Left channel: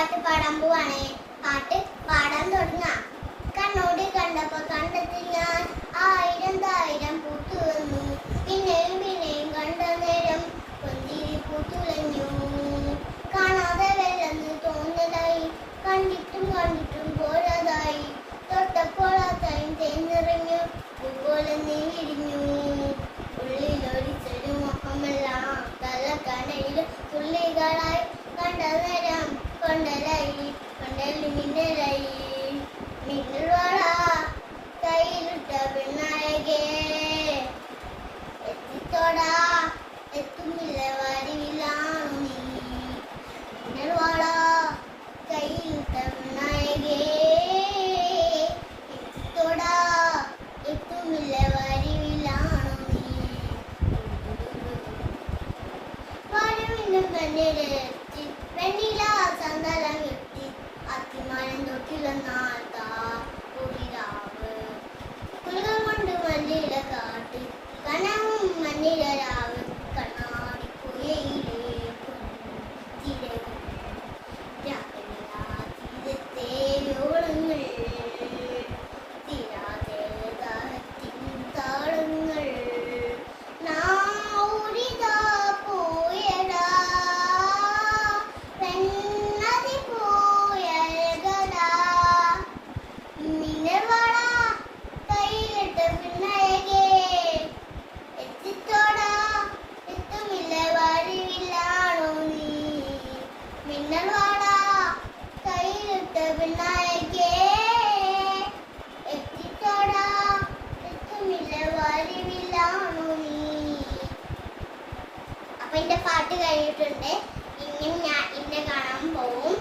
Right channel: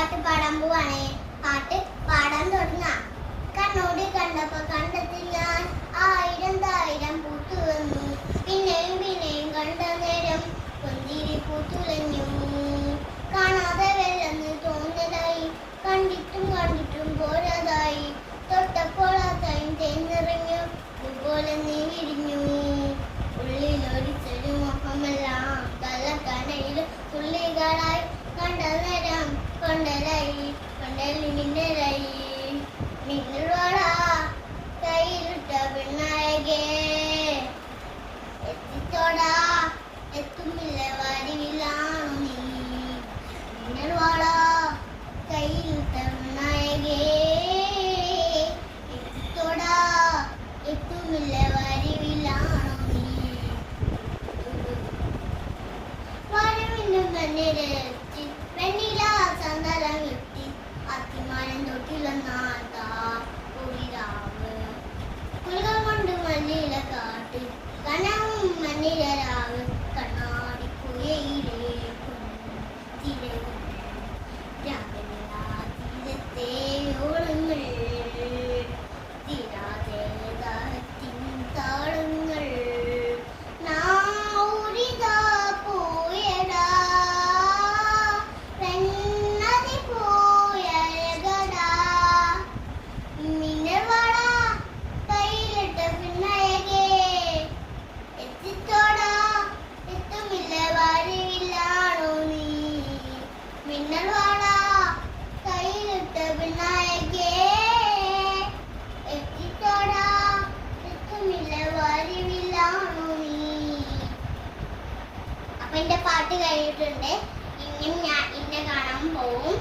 പാട്ട് പാടാൻ പോവാണ്. പാട്ട് പാടാൻ തുടങ്ങാം. കണ്ണോട് കണ്ടപ്പോ കണ്ടെത്തി ഞാൻ ആയിരം തായിരം പൂത്തു വന്നു. പിന്നെയും പിന്നെയും കണ്ട നേരം കൊഞ്ചിരി പൂത്തുലഞ്ഞു. കാണാതെ വെല്ലെന്ന് തോന്നലായി, കണ്ടിട്ടും കണ്ടിട്ടും പോരാതായി. തൊട്ടപ്പോൾ അത്രയും തേന്നിറങ്ങു, അതുപോലെ നീ ഇടിഞ്ഞു. ഉള്ളിലൊരിച്ചൊരു മുഖമെല്ലാം തലക്കനയിൽ തുള്ളികളായി. കണ്ട നേരം കൊണ്ടലായി, കൊണ്ടലിമിന്നലായി. മിന്നൽ വള കയ്യിലിട്ട പെണ്ണഴകേ, എത്തിത്തോടാ എത്തുമില്ല വരിയിലാണ് നീ. മിന്നൽ വള കയ്യിലിട്ട പെണ്ണഴകേ, എത്തിത്തോടാ എത്തുമില്ല വരിയിലാണ് നീ. വരവിന്റെ മണ്ണിലെത്തി വെണ്ണില സന്തലം എത്തി. അത്തിമരം തൊട്ടിലെന്നാട്ടാ ഒരിരാവ്. കുലുകൾ കൊണ്ട് മഞ്ഞില കാട്ട്, കനവും മഞ്ഞില രാവ്. കണ്ണാടിക്കുഴയിലെ കൊണ്ടിരത്തെ ഓളങ്ങൾ, തീരാതെ ദാഹത്തിൻ താളങ്ങൾ. നാരിതാ പോയടാ പെണ്ണതി പോയഴകടാ. മിന്നൽ വള കയ്യിലിട്ട പെണ്ണഴകേ, എത്തിത്തോടാ എത്തുമില്ല വരിവില്ലാണോ നീ. മിന്നൽ വള കയ്യിലിട്ട പെണ്ണഴകേ, എത്തിത്തോടാ എത്തുമില്ല വരിവില്ലാണോ നീ. അപ്പൊ എന്റെ പാട്ട് കഴിഞ്ഞിട്ടുണ്ട്. ഇനി ഞാൻ ഇന്നെ കാണാൻ പോവും.